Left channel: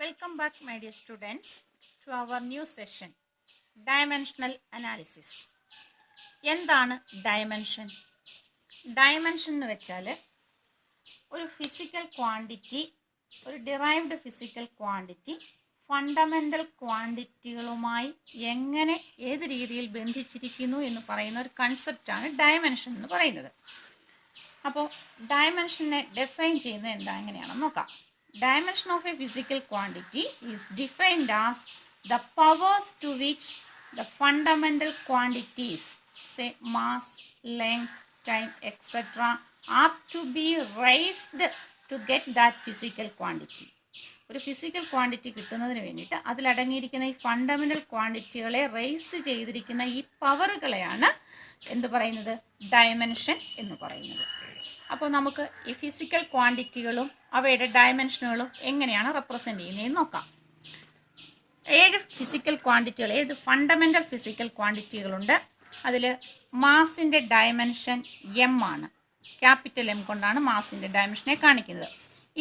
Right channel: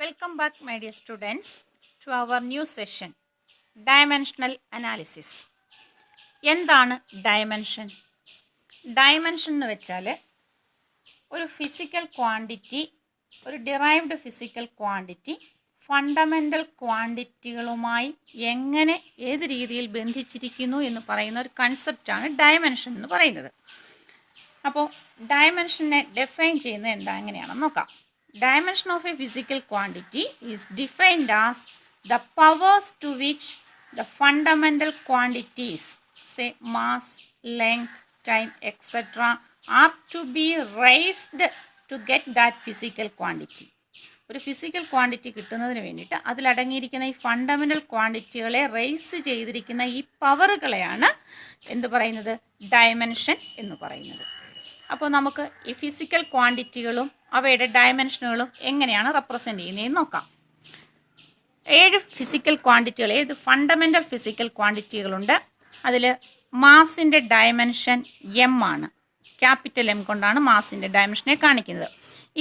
Welcome back, my dear students, to our new session, Dimensional Analysis. എന്താണ് dimension? Dimension എന്ന് വെച്ചാൽ ഒരു physical quantity, ഒരു ഡിറൈവ്ഡ് ഫിസിക്കൽ ക്വാണ്ടിറ്റി ഫണ്ടമെൻ്റൽ ക്വാണ്ടിറ്റികളുമായി എങ്ങനെ ഏത് രീതിയിൽ ബന്ധിച്ചിരിക്കുന്നു എന്ന് പറയുന്ന ഒരു കൺസെപ്റ്റാണ് ഡയമെൻഷൻ എന്ന് പറയുന്നത്. അപ്പോൾ ഡയമെൻഷനെ ഡിഫൈൻ ചെയ്യുന്നത് എങ്ങനെയാണെന്ന് നോക്കാം. Dimension of a physical quantity is defined as the powers to which the fundamental quantities, say mass, length, time, etc., are to be raised to get that physical quantity. ഒരു physical quantity കിട്ടുന്നതിന് വേണ്ടിയിട്ട് അതിലടങ്ങിയിരിക്കുന്ന ഈ fundamental ക്വാണ്ടിറ്റികളെ raise ചെയ്തിരിക്കുന്ന ഈ പവറുകളെയാണ് എന്ത് പറയുന്നത്? Dimension എന്ന് പറയുന്നത്. അപ്പോൾ നമുക്ക് ഈ ഫിസിക്കൽ ക്വാണ്ടിറ്റികളും അവയുടെ ഡയമെൻഷനുകളും എങ്ങനെയാണ് റെപ്രസെൻ്റ് ചെയ്യുന്നതെന്ന് നോക്കാം. 7 ഫിസിക്കൽ ക്വാണ്ടിറ്റികൾ, ഏത് ഫണ്ടമെൻ്റൽ ഫിസിക്കൽ ക്വാണ്ടിറ്റികളുണ്ട്. അതിൽ മാസിൻ്റെ ഡയമെൻഷൻ എം ആണ്. ക്യാപിറ്റൽ എം കൊണ്ടാണ് മാസിൻ്റെ ഡയമെൻഷനെ കാണിക്കുന്നത്.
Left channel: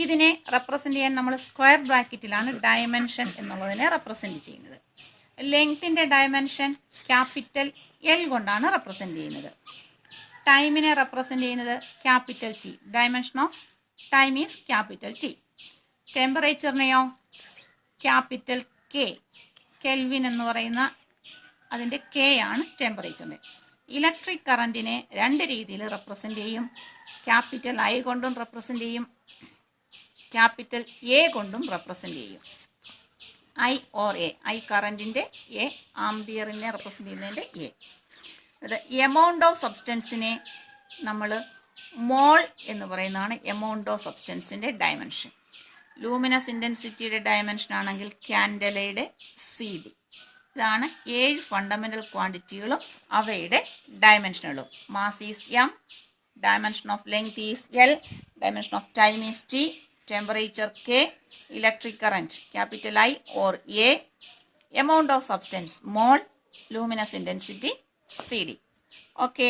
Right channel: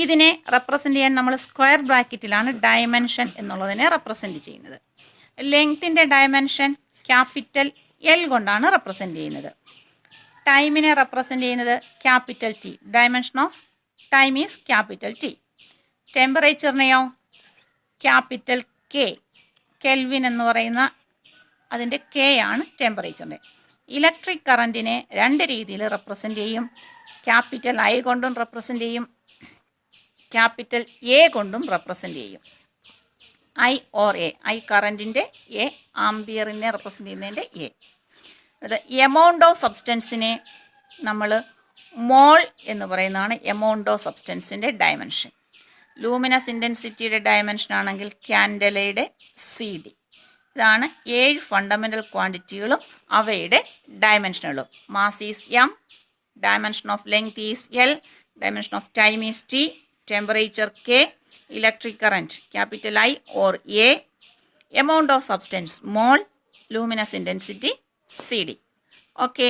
ഇതിനെ റെപ്രസെൻ്റ് ചെയ്യാൻ നമ്മൾ സ്ക്വയർ ബ്രാക്കറ്റിലാണ് ഡയമെൻഷൻ എന്നുള്ളതിനെ റെപ്രസെൻ്റ് ചെയ്യുന്നത്. ലെങ്ത്തിൻ്റെ ഡയമെൻഷൻ ക്യാപിറ്റൽ എൽ കൊണ്ടാണ് റെപ്രസെൻ്റ് ചെയ്യുന്നത്. ടൈമിനെ റെപ്രസെൻ്റ് ചെയ്യുന്നത് capital T. Dimension of time is capital T. ടെമ്പറേച്ചറിനെയോ ക്യാപിറ്റൽ കെ. കെൽവിൻ എന്ന് പറയുന്ന അതിൻ്റെ കെ ആണ് ടെമ്പറേച്ചറിൻ്റെ. ഇലക്ട്രിക് കറൻറ്റിനെ 2 രീതിയിൽ റെപ്രസെൻ്റ് ചെയ്യും. ക്യാപിറ്റൽ ഐ കൊണ്ടും റെപ്രസെൻ്റ് ചെയ്യും, ക്യാപിറ്റൽ എ കൊണ്ടും റെപ്രസെൻ്റ് ചെയ്യും. ഐ ഓർ എ, ഐ കറൻറ്റിൻ്റെ എ, ആംബിയറിനെ റെപ്രസെൻ്റ് ചെയ്യുന്നതിൻ്റെ എ. അത് എമൗണ്ട് ഓഫ് സബ്സ്റ്റൻസിനെ നമ്മൾ മോൾ എന്ന് പറയുന്നതാണ് എമൗണ്ട് ഓഫ് സബ്സ്റ്റൻസിൻ്റെ ഡയമെൻഷൻ. ലൂമിനസ് ഇൻറ്റൻസിറ്റിയുടെ ഡയമെൻഷൻ ആണെങ്കിൽ ക്യാൻഡലയുടെ സി ഡി. ഇതാണ് 7 ഫണ്ടമെൻ്റൽ ക്വാണ്ടിറ്റികളും അവയുടെ ഡയമെൻഷനുകളും. Mass is M, dimension of length is L, dimension of time is T, temperature K, electric current capital I or A, amount of substance mole, luminous intensity C D. Okay,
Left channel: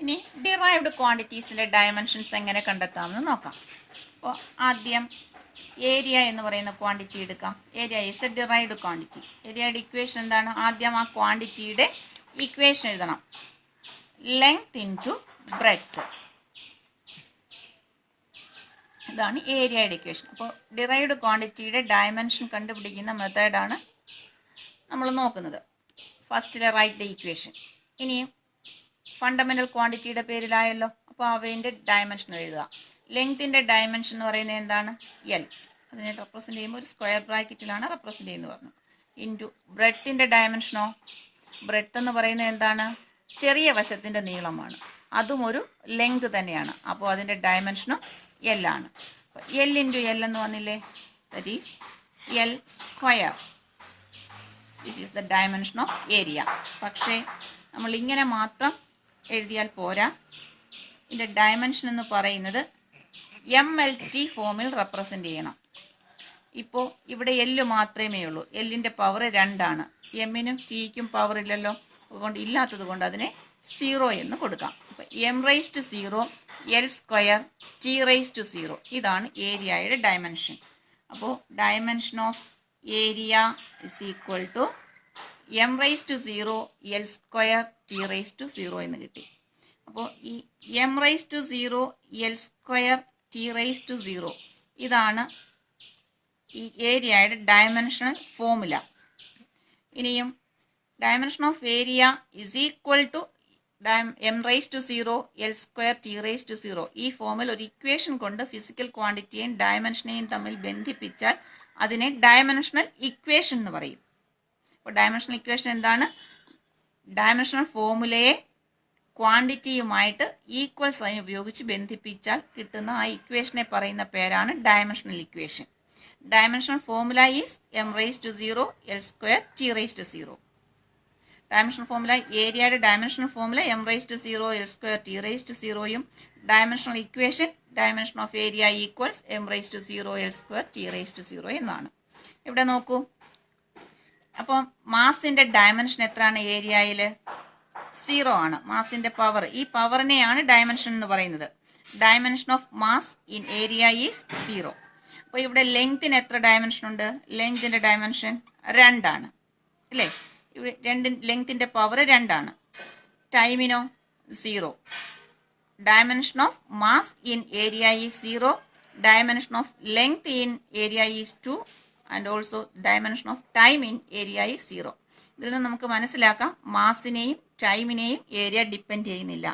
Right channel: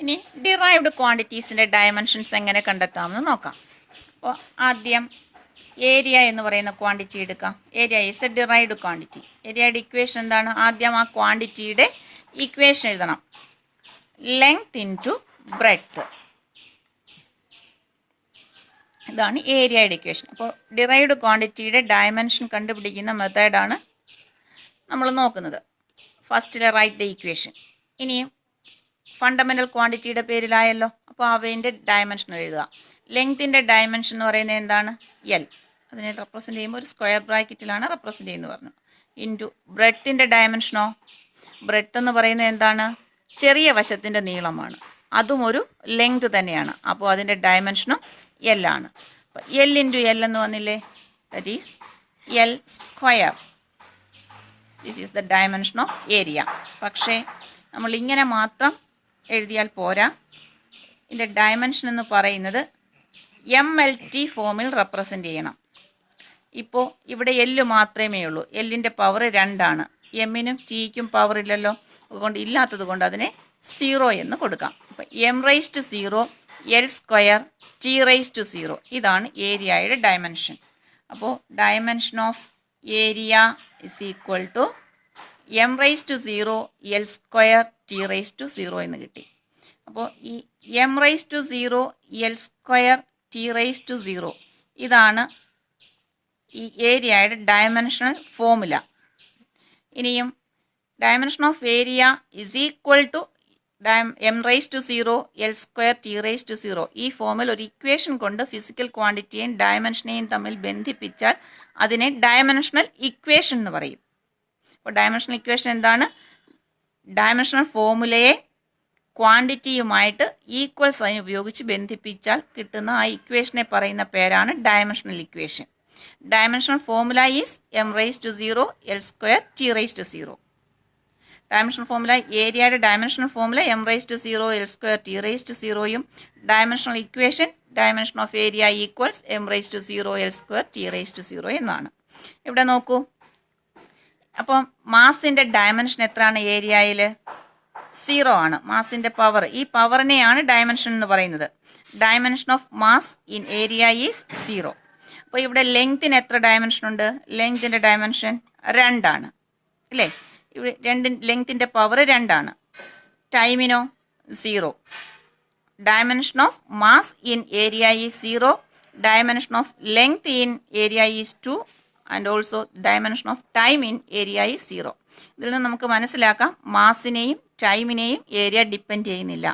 ഇനി derived ക്വാണ്ടിറ്റീസിൻ്റെ dimensions എങ്ങനെ കണ്ടെത്താമെന്ന് നോക്കാം. അപ്പോൾ ആദ്യം area എന്ന് പറയുന്ന quantity എടുക്കാം. Area is A derived quantity. ഏരിയയുടെ ഇക്വേഷൻ എന്താണ്? ആദ്യം ആ ക്വാണ്ടിറ്റിയുടെ ഇക്വേഷൻ എഴുതണം. ലെങ്ത് ഇൻറ്റു ബ്രെഡ്ത്ത്, ഇതാണ് ഏരിയയുടെ ഇക്വേഷൻ. അപ്പോൾ ഡിറൈവ്ഡ് ക്വാണ്ടിറ്റിയുടെ ഡയമെൻഷൻ കണ്ടുപിടിക്കുന്ന മെത്തേഡാണ് നമ്മൾ നോക്കുന്നത്. ഫസ്റ്റിലെ റൈറ്റ് ദ ഇക്വേഷൻ. ഇനിയും ഫണ്ടമെൻ്റൽ ക്വാണ്ടിറ്റിയുടെ പേരിലായല്ലോ, അപ്പോൾ അവയുടെ ഡയമെൻഷൻ എഴുതുക. ലെങ്ത്തിൻ്റെ ഡയമെൻഷൻ എന്ന് പറയുന്നത് എന്താണ്? എൽ. അതിനെ റെപ്രസെൻ്റ് ചെയ്യുമ്പോൾ ഒരു സ്ക്വയർ ബ്രാക്കറ്റിലാണ് റെപ്രസെൻ്റ് ചെയ്യുന്നത് പറഞ്ഞു. ഇൻറ്റു ബ്രെഡ്ത്തിൻ്റെ ഡയമെൻഷനോ? ബ്രെഡ്ത്ത് എന്ന് പറയുന്നത് എന്താണ്? ചെറിയ വശത്തിൻ്റെ നീളമാണ്, അതും ഒരു ലെങ്ത് തന്നെയാണ്. അപ്പോൾ അതിൻ്റെ ഡയമെൻഷനും എൽ ആണ്. അപ്പോൾ എൽ ഇൻറ്റു എൽ എന്ന് വന്നില്ലേ? That is L square. This is the dimension of area. പക്ഷേ നമ്മൾ ഇങ്ങനെ മാത്രം എഴുതിയാൽ പോരാ. ഇതിൻ്റെ ഡയമെൻഷൻ എന്ന് പറയുന്നത് എം എൽ ടി ഫോമിൽ റെപ്രസെൻ്റ് ചെയ്യണം. ഇപ്പോൾ ഇവിടെ എല്ല് മാത്രമേ ഉള്ളൂ. എല്ലിൻ്റെ പവർ 2 ആണ്. എമ്മിനും ടിക്കും പവർ ഇല്ലല്ലോ, അതുകൊണ്ട് ഇല്ലാത്തത് കൊണ്ട് അതിനെ 0 എന്ന് കൊടുക്കാം. അപ്പോൾ M raise to 0, L square, T raise to 0. ഇതാണ് ഏരിയയുടെ ഡയമെൻഷൻ. അപ്പോൾ dimension of area is equal to M raise to 0, L square, T raise to 0 എന്ന് കിട്ടി. അപ്പോൾ ഈ M raise to 0, L square, T raise to 0 ഇതാണ് ഈ ഏരിയയുടെ ഡയമെൻഷണൽ ഫോമുല. ഇനിയും dimension of area is equal to M raise to 0, L square, T raise to 0. ഈ ഫോമിൽ ഒരു ഇക്വേഷൻ കൊണ്ട് ഫിസിക്കൽ ക്വാണ്ടിറ്റിയെയും ഡയമെൻഷനെയും തമ്മിൽ ബന്ധിപ്പിച്ചാൽ അതിനെ ഡയമെൻഷണൽ ഇക്വേഷൻ എന്ന് പറയും. അപ്പോൾ ഡയമെൻഷണൽ ഇക്വേഷൻ എന്താണ്? ഡയമെൻഷണൽ ഫോമുലയെ ക്വാണ്ടിറ്റിയുമായിട്ട് ഈക്വൽ സൈൻ ഉപയോഗിച്ച് ബന്ധിപ്പിച്ചാൽ കിട്ടുന്ന ആ ഇക്വേഷനെ പറയുന്ന പേരാണ് dimensional equation. Dimensional formula is M raise to 0, L square, T raise to 0. Dimensional formula, ഏരിയയുടെ dimensional formula M raise to 0, L square, T raise to 0യും dimensional equation dimension of area equals M raise to 0, L square, T raise to 0 എന്നാണ്. ഇവിടെ നോക്കൂ. അപ്പം മാസിൻ്റെ dimension എത്രയാണ്? ഏരിയയിൽ 0 ആണ് മാസിൻ്റെ power. ഈ പവറിനെയാണ് ഡയമെൻഷൻ എന്ന് പറയുന്നത്. Dimension of mass in area is 0. അപ്പോൾ ഇവിടെ ലെങ്ത്തിന് എത്ര ഡയമെൻഷൻ ഉണ്ട്? ലെങ്തിൻ്റെ ഡയമെൻഷൻ 2 ആണ് അല്ലേ? ഇവിടെ ലെങ്തിൻ്റെ പവർ 2 ആണ്. ടൈമിനോ 0. Dimension of mass in area is 0. Dimension of length in area is 2. And also dimension of time in area is 0. ഇതിൽ നിന്ന് നമുക്ക് മനസ്സിലാക്കാം മാസിനെയും ടൈമിനെയും ഏരിയ ഡിപ്പെൻഡ് ചെയ്യുന്നില്ല.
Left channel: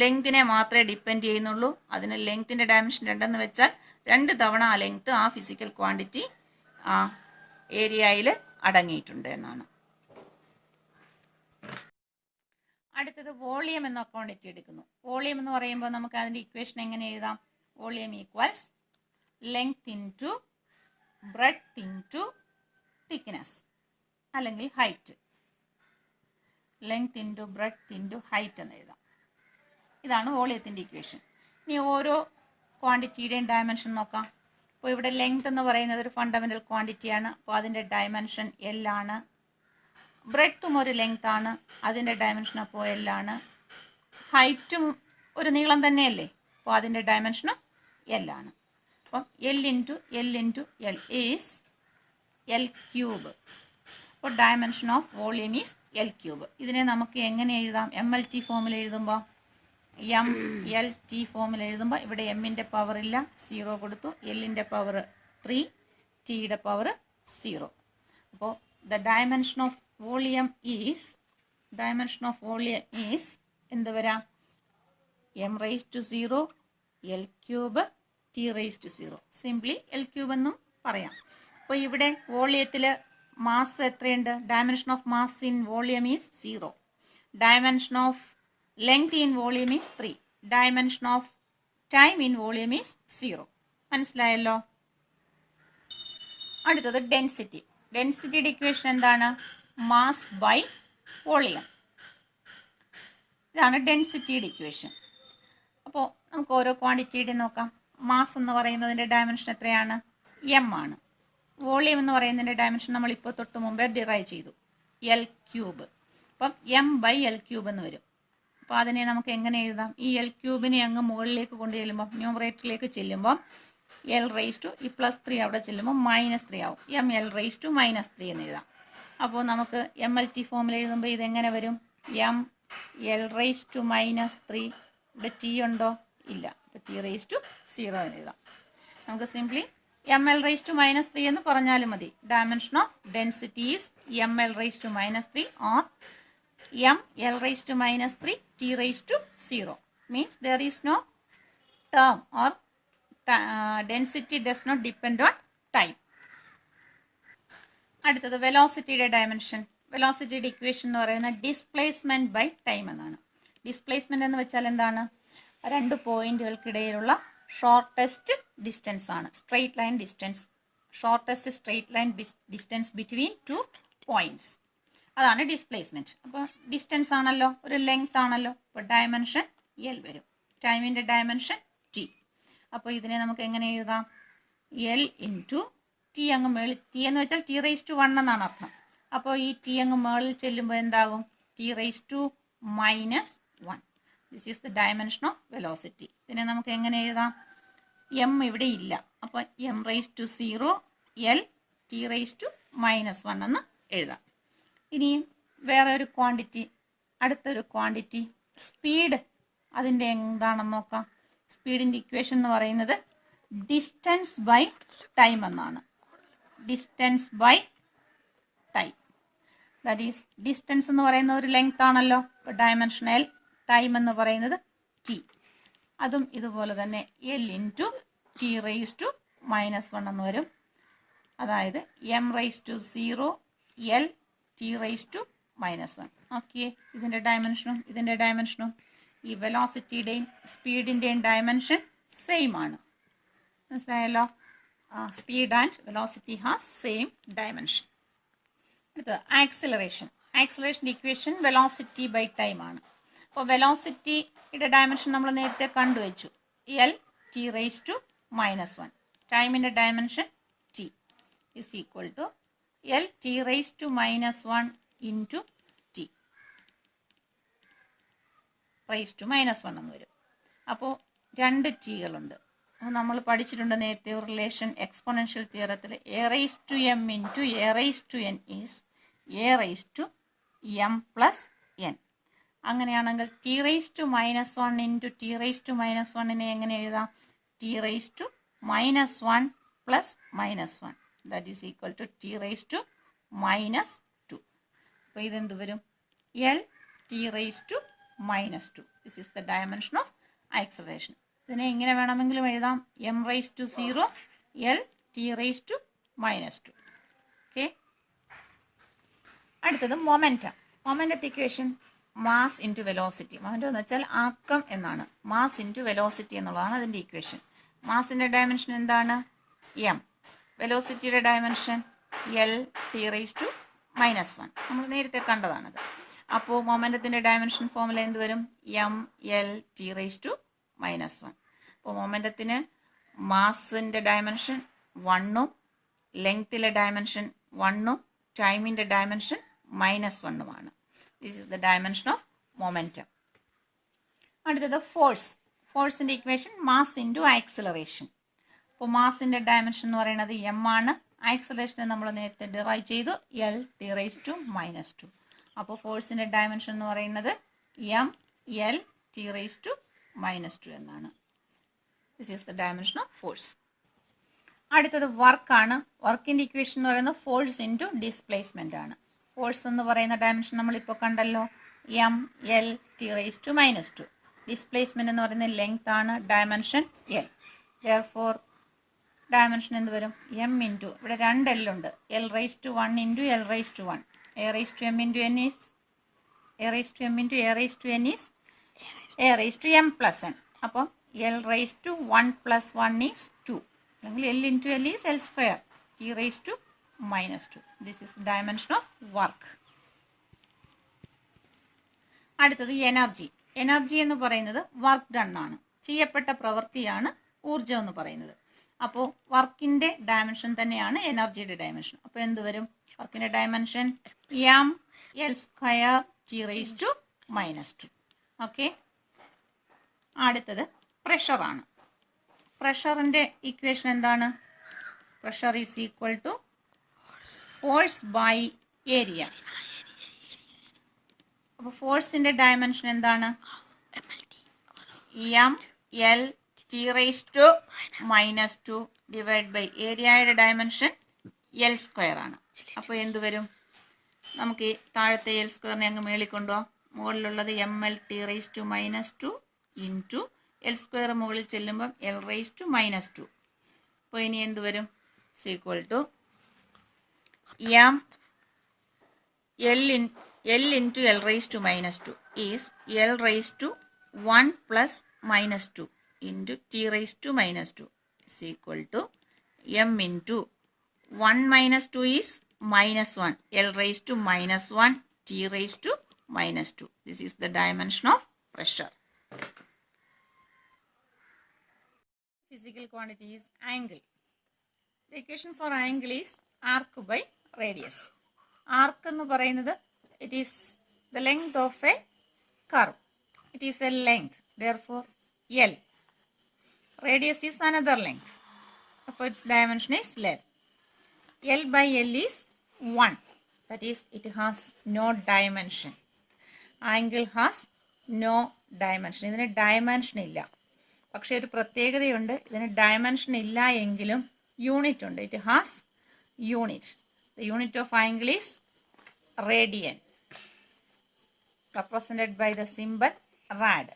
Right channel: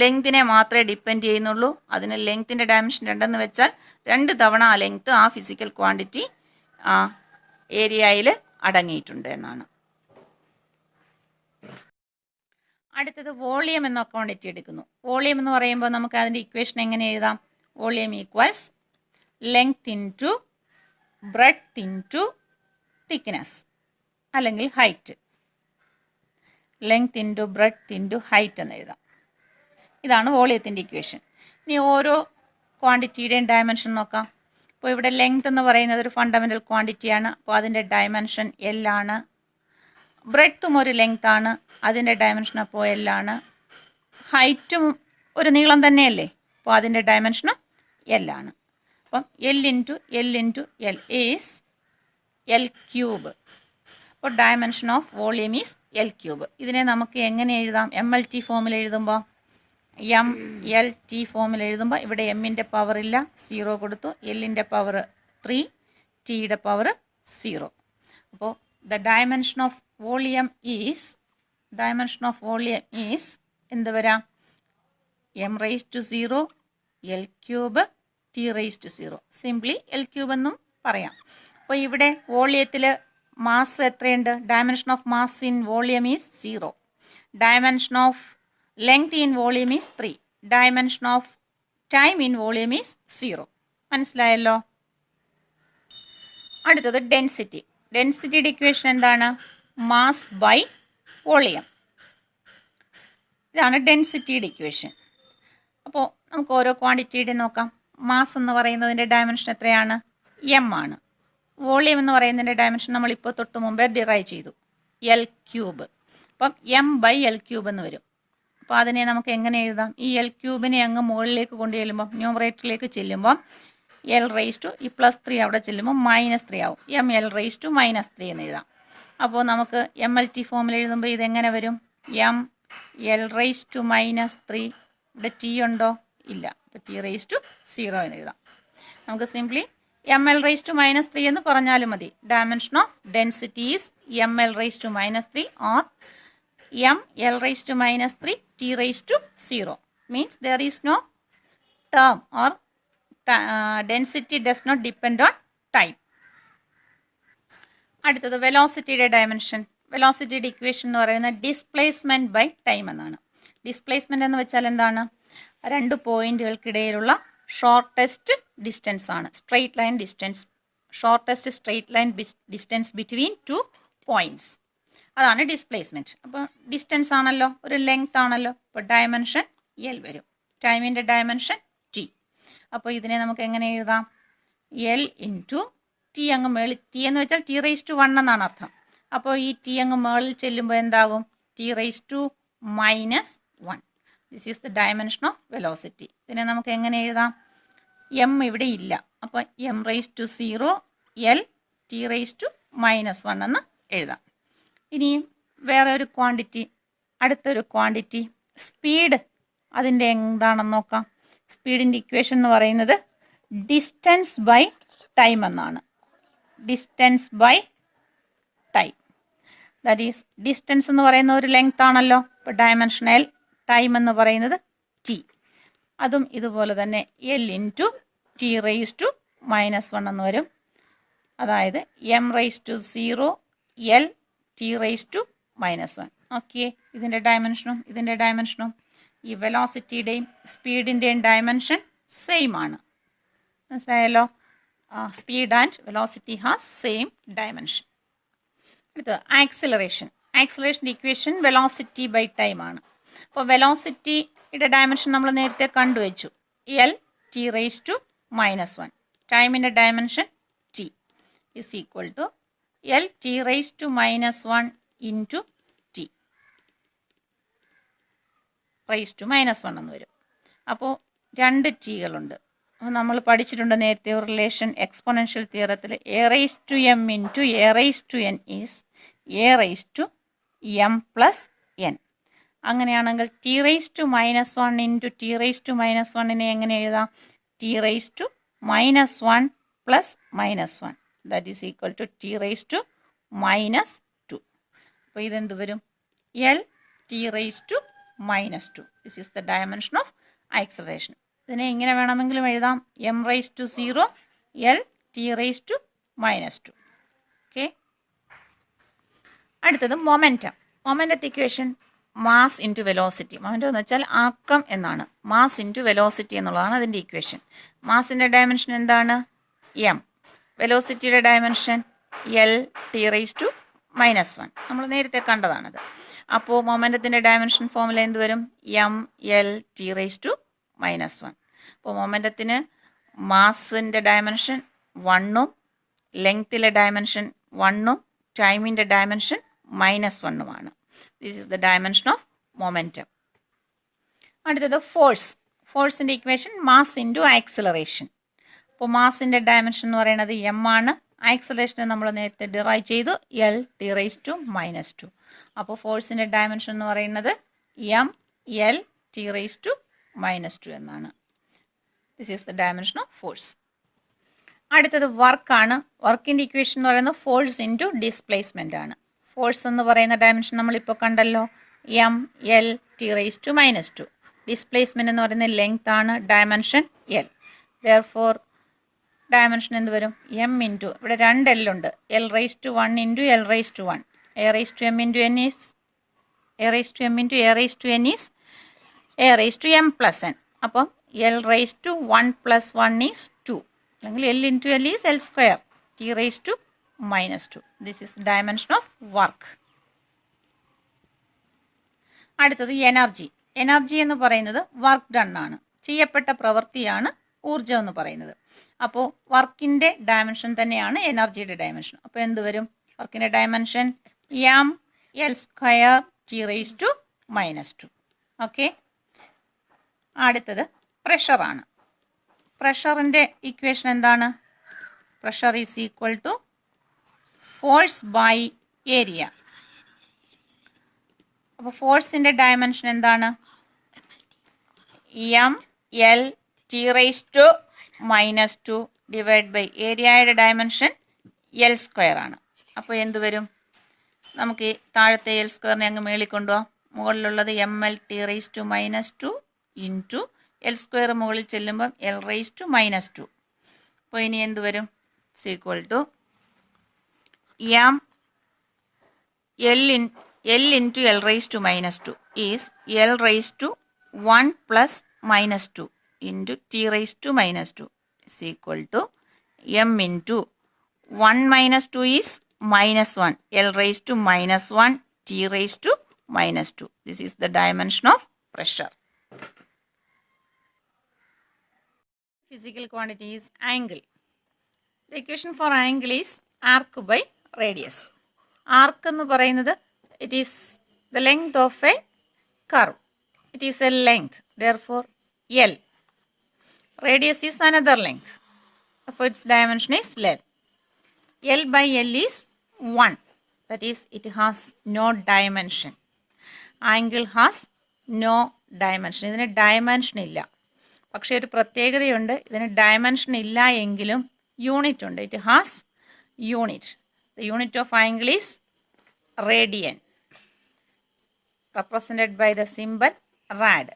ലെങ്തിനെ മാത്രമേ ഡിപ്പെൻഡ് ചെയ്യുന്നുള്ളൂ. അതിന് ലെങ്തിൻ്റെ ഡയമെൻഷൻ 2 വെച്ചാൽ 2 തവണ ആ ലെങ്ത് ആ ഫിസിക്കൽ ക്വാണ്ടിറ്റി ആ ഏരിയയിൽ അടങ്ങിയിട്ടുണ്ട് എന്നാണ്. അടുത്തത് വോളിയം എന്ന ക്വാണ്ടിറ്റി എടുക്കുന്നു. വോളിയം എന്ന് പറയുമ്പോൾ നമുക്ക് അതിൻ്റെ ഇക്വേഷൻ എങ്ങനെ എഴുതാം? Volume equals length into breadth into thickness അല്ലെങ്കിൽ height. Length into breadth into height എന്ന് എഴുതാം. ഇതാണ് വോളിയത്തിൻ്റെ ഇക്വേഷൻ. ഇനി ഓരോ ക്വാണ്ടിറ്റിയുടെയും ഡയമെൻഷൻ നോക്കാം. അപ്പോൾ ഇവിടെ ലെങ്ത് എന്ന് പറയുന്നത് ഒരു ഫണ്ടമെൻ്റൽ ക്വാണ്ടിറ്റിയാണ്. അപ്പോൾ അതിൻ്റെ ഡയമെൻഷൻ L ആണ്. ബ്രെഡ്ത്തും ഒരു ലെങ്ത് ആണ്, അതിൻ്റെ ഡയമെൻഷൻ അപ്പോൾ L ആണ്. ഹൈറ്റും ഒരു നീളം തന്നെയല്ലേ, അപ്പോൾ അതിൻ്റെ ഡയമെൻഷനും L ആണ്. അപ്പം L into L is L3. അപ്പോൾ dimension of volume is L3. ഇതിനെ നമുക്ക് എങ്ങനെ എഴുതാം? MLT ഫോമിൽ എഴുതുമ്പോൾ MLT ഫോമിൽ എഴുതുമ്പോൾ ഇവിടെ എമ്മിൻ്റെ പവർ ഇല്ല, 0 കൊടുത്തു. എല്ലിൻ്റെ പവർ 3, ടിയുടെ പവർ 0. അപ്പോൾ the dimension of volume is എന്ത് വരാം? m⁻⁴ L3 t⁻⁴. Simply L3 എന്നും പറയാം. അപ്പോൾ ഇവിടെ വോളിയത്തിൽ മാസ് എത്രയുണ്ട്? Dimension of mass in volume is 0. Dimension of length in volume is 3. Dimension of time in volume is 0. മനസ്സിലായല്ലോ? അടുത്തത് ഡെൻസിറ്റി. ഡെൻസിറ്റിയുടെ ഇക്വേഷൻ എന്താണ്? Mass by volume. ഇതാണ് ഡെൻസിറ്റിയുടെ ഇക്വേഷൻ. അപ്പോൾ നമുക്ക് ഓരോ ക്വാണ്ടിറ്റിയുടെ നോക്കാം. മാസ് എന്ന് പറയുന്നതിൻ്റെ ഡയമെൻഷൻ എത്രയാണ്? m ആണ്. വോളിയം എന്ന് പറയുന്നതിൻ്റെ ഡയമെൻഷൻ നമ്മളിപ്പോൾ തൊട്ട് മുമ്പേ ഡിറൈവ് ചെയ്തു, L3. അപ്പം m/L3 എന്ന് വരും. അപ്പോൾ അതിനെ നമുക്ക് എങ്ങനെ എഴുതാം? ഈ L3 അങ്ങ് മുകളിലേക്ക് കൊണ്ടു ചെല്ലുമ്പോൾ, ന്യൂമറേറ്ററിലേക്ക് ചെല്ലുമ്പോൾ L⁻⁻, ഈ +3 അവിടെ ചെല്ലുമ്പോൾ -3 ആവും. mL⁻⁻3 എന്ന് എഴുതാം. അപ്പോൾ നമുക്ക് MLT ഫോമിൽ എഴുതുമ്പോൾ ഇതെങ്ങനെ വരും? mL⁻⁻3. ഇവിടെ ടി ഉണ്ടോ? ഇല്ല. അപ്പോൾ t⁻�0 എന്ന് എഴുതാം. നമുക്ക് സിംപ്ലി mL⁻⁻3 എന്ന് പറഞ്ഞാലും മതി. Dimension of density is mL⁻⁻3 or mL⁻⁻3 t⁻�0. Means there is no term or density does not depend on time. അടുത്തത് വെലോസിറ്റിയുടെ ഡയമെൻഷൻ. വെലോസിറ്റിയുടെ ഇക്വേഷൻ എന്ന് പറയുന്നത് ഡിസ്പ്ലേസ്മെൻറ്റ് ബൈ ടൈം എന്നാണ്. ഡിസ്പ്ലേസ്മെൻറ്റ് എന്ന് വെച്ചാൽ എന്താണ്? 2 പോയിന്റുകൾക്കിടയിലുള്ള ഷോർട്ടസ്റ്റ് ഡിസ്റ്റൻസ് ആണ്. Straight line distance, shortest straight line distance between 2 points. അതാണ് displacement. അപ്പോൾ ഡിസ്റ്റൻസ് ആണല്ലോ, ഒരു ലെങ്ത് ആണല്ലോ. അപ്പോൾ ഡയമെൻഷൻ L വരും. ടൈമിൻ്റെ ഡയമെൻഷൻ T. അപ്പോൾ ഇതിനെ നമുക്ക് എങ്ങനെ എഴുതാം? L ഇൻറ്റു ടി അങ്ങ് മേളിൽ, ടി എന്ന് വെച്ചാൽ t⁻1 എന്നാണ് അർത്ഥം. അപ്പോൾ ഈ ടി അങ്ങ് മേളിൽ ചെല്ലുമ്പോൾ എന്താകും? t⁻⁻1. This is the dimension of velocity. ഇതിനെ നമുക്ക് എങ്ങനെ എഴുതാം? m ഇവിടെ ഇല്ല, അപ്പോൾ m⁻�0 L t⁻⁻1 എന്ന് എഴുതാം. ഇനിയും വേറെ ഒരു ക്വാണ്ടിറ്റി, അടുത്തൊരു ക്വാണ്ടിറ്റി സ്പീഡ്. അതിൻ്റെ എന്താണെന്ന് നോക്കാം. സ്പീഡിൻ്റെ ഇക്വേഷൻ എന്ന് പറയുന്നത് ഡിസ്റ്റൻസ് ബൈ ടൈം എന്നാണ്. Distance by time, that is distance എന്ന് പറയുന്ന ഒരു ലെങ്ത് ആണല്ലോ. ഇപ്പോൾ ഡയമെൻഷൻ L, ടൈം എന്ന് പറയുന്നത് T. അതും ഇതുപോലെ തന്നെ L ഇൻറ്റു t⁻⁻1 എന്ന് വരും. അതായത് m⁻�0 L t⁻⁻1. ഓക്കെ, ഇതിൻ്റെ ഡയമെൻഷനും ഈ വെലോസിറ്റിയുടെയും സ്പീഡിൻ്റെയും ഡയമെൻഷൻ സെയിം ആണ്. മനസ്സിലായല്ലോ? Speed and velocity has same dimension. അടുത്തത് ആക്സിലറേഷൻ. ആക്സിലറേഷൻ്റെ ഇക്വേഷൻ വെലോസിറ്റി ബൈ ടൈം ആണ്. അപ്പോൾ വെലോസിറ്റിയുടെ ഡയമെൻഷൻ നമ്മൾ നേരത്തെ കണ്ടുവച്ചു, L t⁻⁻1. ടൈമിൻ്റെ dimension T is equal to L t⁻⁻1 into t⁻⁻1 എന്ന് വരും. അപ്പോൾ രണ്ട് ടീകളുണ്ട്. അപ്പോൾ നമ്മൾ പഠിച്ചിട്ടുണ്ട് നേരത്തെ ഒരു റിലേഷൻ എക്സ്പോണൻഷ്യൽ തിയറത്തിൽ A raise to M into A raise to N is A raise to M plus N. അങ്ങനെയാണെങ്കിൽ T raise to minus one into T raise to minus വണ്ണിനെ എങ്ങനെ എഴുതാം? T raise to minus one plus minus one that is equal to T raise to minus two. അപ്പോൾ ഇതെന്ത് വരും? L T raise to minus two. This is the dimension of acceleration. ഇതിനെ ഇങ്ങനെ വേണമെങ്കിലും എഴുതാം, M raise to 0 L T raise to minus two. Okay, അടുത്തത് momentum. മൊമെൻറ്റത്തെ equation mass into velocity. Momentum എന്ന് വെച്ചാൽ ആക്കം എന്നാണ്. മാസ് ഇൻറ്റു വെലോസിറ്റി എന്നുള്ളതാണ് അതിൻ്റെ ഇക്വേഷൻ. മാസിൻ്റെ ഡയമെൻഷൻ എന്താണ്? എം. വെലോസിറ്റിയുടെ dimension L T raise to minus one. നമ്മൾ നേരത്തെ കണ്ടതാണത്. അപ്പോൾ മൊമെൻറ്റത്തിൻ്റെ ഡയമെൻഷൻ ഫോമുല എന്ത് വരും? M L T raise to minus one. അപ്പോൾ മൊമെൻറ്റത്തിന് മാസിൻ്റെ ഡയമെൻഷൻ 1ഉം ലെങ്ത്തിലെ ഡയമെൻഷൻ 1ഉം ടൈമിൻ്റെ dimension -1ഉമാണ്. This is the dimension of momentum. അടുത്തത് ഫോഴ്സ്. ഫോഴ്സിൻ്റെ ഇക്വേഷൻ മാസ് ഇൻറ്റു ആക്സിലറേഷൻ. അപ്പോൾ മാസിൻ്റെ ഡയമെൻഷൻ എന്ന് പറയുന്നത് എം ആണ്. ആക്സിലറേഷനെ നമ്മൾ നേരത്തെ ഡിറൈവ് ചെയ്തു, L T raise to minus two. അപ്പോൾ ഫോഴ്സിൻ്റെ ഡയമെൻഷൻ എന്ന് പറയുന്നത് M L T raise to minus two എന്നാണ്. This is the dimension of force. അടുത്തത് വർക്കാണ്. വർക്കിൻ്റെ ഇക്വേഷൻ എന്ന് പറയുന്നത് ഫോഴ്സ് ഇൻറ്റു ഡിസ്പ്ലേസ്മെൻ്റ് ആണ്. ഫോഴ്സ് എന്ന് പറയുന്ന ഡയമെൻഷൻ നമ്മളിപ്പോൾ കണ്ടല്ലോ, M L T raise to minus two. Displacement എന്ന് പറയുന്നത് ലെങ്ത് ആണ്, ഡയമെൻഷൻ എൽ. ദെയർഫോർ ഡയമെൻഷൻ എന്ത് വരും? എം ഇൻറ്റു, ഇവിടെ 2 എൽ ഉണ്ട്, L raise to 1 into L raise to 1. A raise to M into N is A raise to M into A raise to N is A raise to M plus N. അപ്പം L raise to 1 plus 1 is 2, അല്ലെങ്കിൽ L into L is L square T raise to minus 2. This is dimension of work. അടുത്തത് energy. Energy എന്ന് പറയുന്നത് work done ആണ്, ചെയ്യപ്പെട്ട പ്രവൃത്തിയാണ് ഊർജ്ജം എന്ന് പറയുന്നത്. അപ്പോൾ വർക്കിൻ്റെ ഡയമെൻഷൻ തന്നെയാണ് എനർജിയുടെ ഡയമെൻഷൻ. അപ്പോൾ എന്ത് വരും? വർക്കിൻ്റെ dimension M L square T raise to minus 2. Okay, അടുത്തത് പ്രഷറാണ്. പ്രഷറിൻ്റെ ഇക്വേഷൻ എന്താണ്? Pressure is equal to force by area. അപ്പോൾ ഫോഴ്സിൻ്റെ ഡയമെൻഷൻ എന്താണ്? M L T raise to minus 2 divide by ഏരിയയുടെ ഡയമെൻഷൻ എൽ സ്ക്വയർ ആണ്. അപ്പോൾ എന്ത് വരും? നമുക്ക് ഈ താഴത്തെ എൽ സ്ക്വയറിനെ അങ്ങ് മേളിൽ കൊണ്ടുപോകാം. മുകളിലുള്ളത് M L T raise to minus 2 into L square മുകളിൽ ചെല്ലുമ്പം എൽ റൈസ് ടു മൈനസ് 2. അപ്പോൾ ഇനി എന്ത് വരും? Equal to M L into L raise to minus 2 is L raise to 1 plus minus 2 into T raise to minus 2 is equal to m into 1 minus 2 is minus 1, L raised to minus 1, T raised to minus 2. This is the dimension of pressure. Physical quantity is angle. The equation for angle is arc by radius. Arc എന്ന് പറയുന്നത് it is the length of a curve. It is a length. Therefore, L. Radius is another length. Therefore, its dimension is L. L by L is 1. That is, it has no dimension. Angle has no dimension. ഇതിന് dimension ഇല്ല. പക്ഷേ ഒരു പ്രത്യേകതയുണ്ട്. ഇതിന് dimension ഇല്ല എങ്കിലും unit ഉണ്ട്. It has unit. The unit of angle is radian, represented by the symbol rad.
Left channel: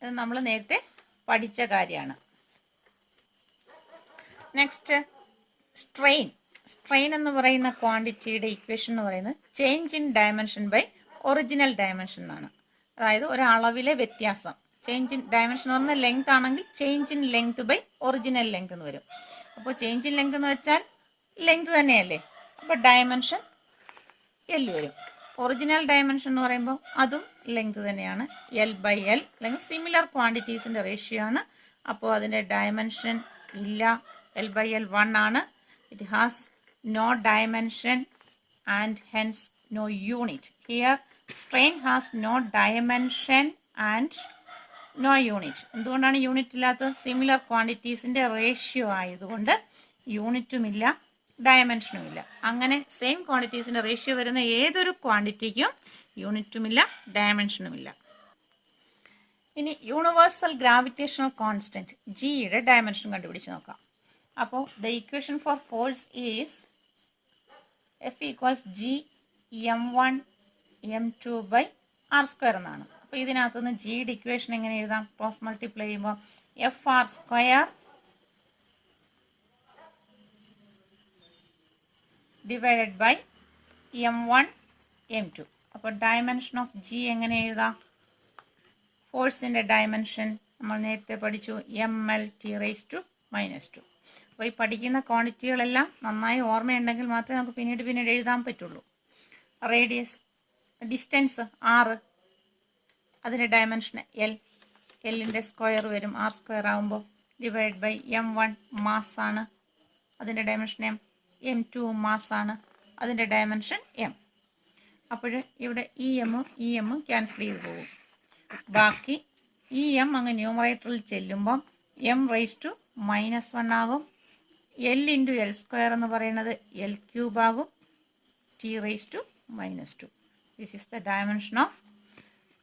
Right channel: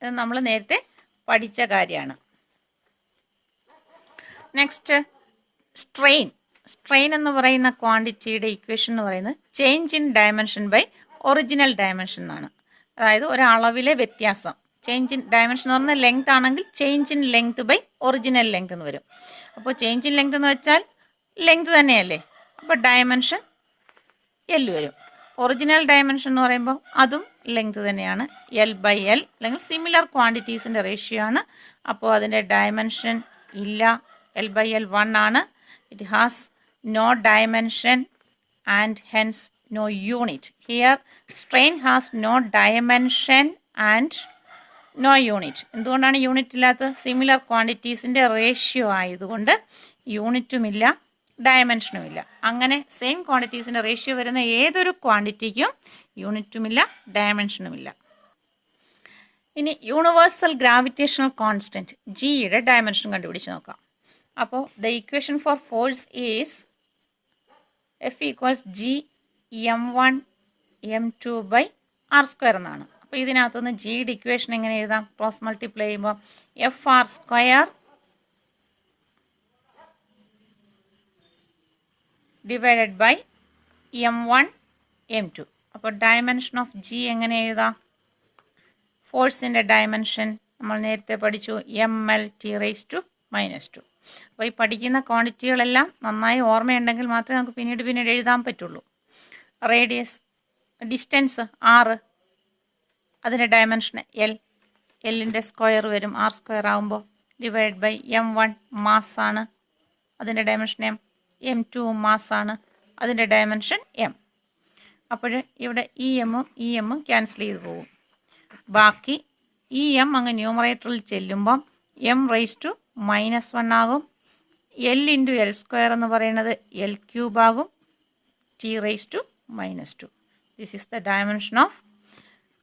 ഇത് നമ്മൾ നേരത്തെ പഠിച്ച കാര്യമാണ്. Next strain. സ്ട്രെയിൻ എന്ന് പറയുന്ന ക്വാണ്ടിറ്റിയുടെ ഇക്വേഷൻ എന്ന് പറയുന്നത് change in dimension by original dimension എന്നാണ്. അതായത് ഒരളവിലെ വ്യത്യാസം. ചേഞ്ച് ഇൻ ഡയമെൻഷൻ എന്ന് പറഞ്ഞാൽ ലെങ്ത് ആണെങ്കിൽ change in length by original length എന്ന് വരും. അപ്പോൾ ചേഞ്ച് ഇൻ ലെങ്ത് എന്ന് വെച്ചാൽ ലെങ്ത് തന്നെയല്ലേ, അപ്പോൾ ഡയമെൻഷൻ എൽ വരും. ഒറിജിനൽ ഡയമെൻഷൻ എന്ന് പറയുമ്പോൾ അതും ലെങ്ത് തന്നെയാണ്, എൽ ബൈ എൽ, അല്ലെങ്കിൽ സിമിലർ ക്വാണ്ടിറ്റീസിൻ്റെ റേഷ്യോ ആണ്. അപ്പോൾ അതിൻ്റെ ഡയമെൻഷൻ ഇല്ല, എൽ ബൈ എൽ 1 ആണ്. It has no dimension and hence no unit. Here strain has no dimension and no unit. എന്തുകൊണ്ടാണ് യൂണിറ്റ് ഇല്ലാത്തത്? സിമിലർ ക്വാണ്ടിറ്റീസിൻ്റെ റേഷ്യോ ആയതുകൊണ്ട് യൂണിറ്റുമില്ല, ഡയമെൻഷനുമില്ല. അങ്ങനെ സെയിം ക്വാണ്ടിറ്റീസിൻ്റെ റേഷ്യോ വരുന്ന ഏതൊരു ക്വാണ്ടിറ്റിക്കും യൂണിറ്റുമില്ല, ഡയമെൻഷനുമില്ല. ഇനി യൂണിവേഴ്സൽ ഗ്രാവിറ്റേഷണൽ കോൺസ്റ്റൻറ്റ് ജിയുടെ ഡയമെൻഷൻ കണ്ടുപിടിച്ച് നോക്കാം. അപ്പോൾ the equation for force is F equals G m1 m2 by R square എന്നാണ്. അപ്പോൾ ഇതിനകത്തുനിന്ന് ജിയുടെ ഇക്വേഷൻ എങ്ങനെ എഴുതാം? ക്രോസ് മൾട്ടിപ്ലൈ ചെയ്യുമ്പോൾ F R square divided by m1 m2. അപ്പോൾ ഡയമെൻഷൻ ഓഫ് ജി എങ്ങനെ എഴുതാം? ഫോഴ്സിൻ്റെ ഡയമെൻഷൻ നമ്മൾ നേരത്തെ പഠിച്ചു, ml(T⁻²). അപ്പോൾ ഈ പഠിക്കുന്ന ക്വാണ്ടിറ്റികളെല്ലാം നന്നായി ഓർമ്മയുണ്ടെങ്കിൽ മാത്രമേ നമുക്ക് പിന്നീട് എഴുതാൻ പറ്റുള്ളൂ. റേഡിയസ്, ഡിസ്റ്റൻസ് r, അതിൻ്റെ ഡയമെൻഷൻ എല്ലിൻ്റെ സ്ക്വയർ വരും, ആർ സ്ക്വയർ ആകുമ്പോൾ, ഡിവൈഡ് ബൈ m1 മാസ്സാണ്, അതിൻ്റെ ഡയമെൻഷൻ m2 മാസ്സാണ്, അതിൻ്റെ ഡയമെൻഷൻ m. അപ്പോൾ ഇവിടെ ഈ എമ്മും ക്യാൻസൽ ചെയ്ത് പോകും. ബാക്കി ഈ എം അങ്ങ് ന്യൂമറേറ്ററിൽ ചെല്ലുമ്പം m⁻⁻1 ആകും. l(L²) എന്ന് പറയുന്നത് l³ ആകും, T⁻². This is the dimension of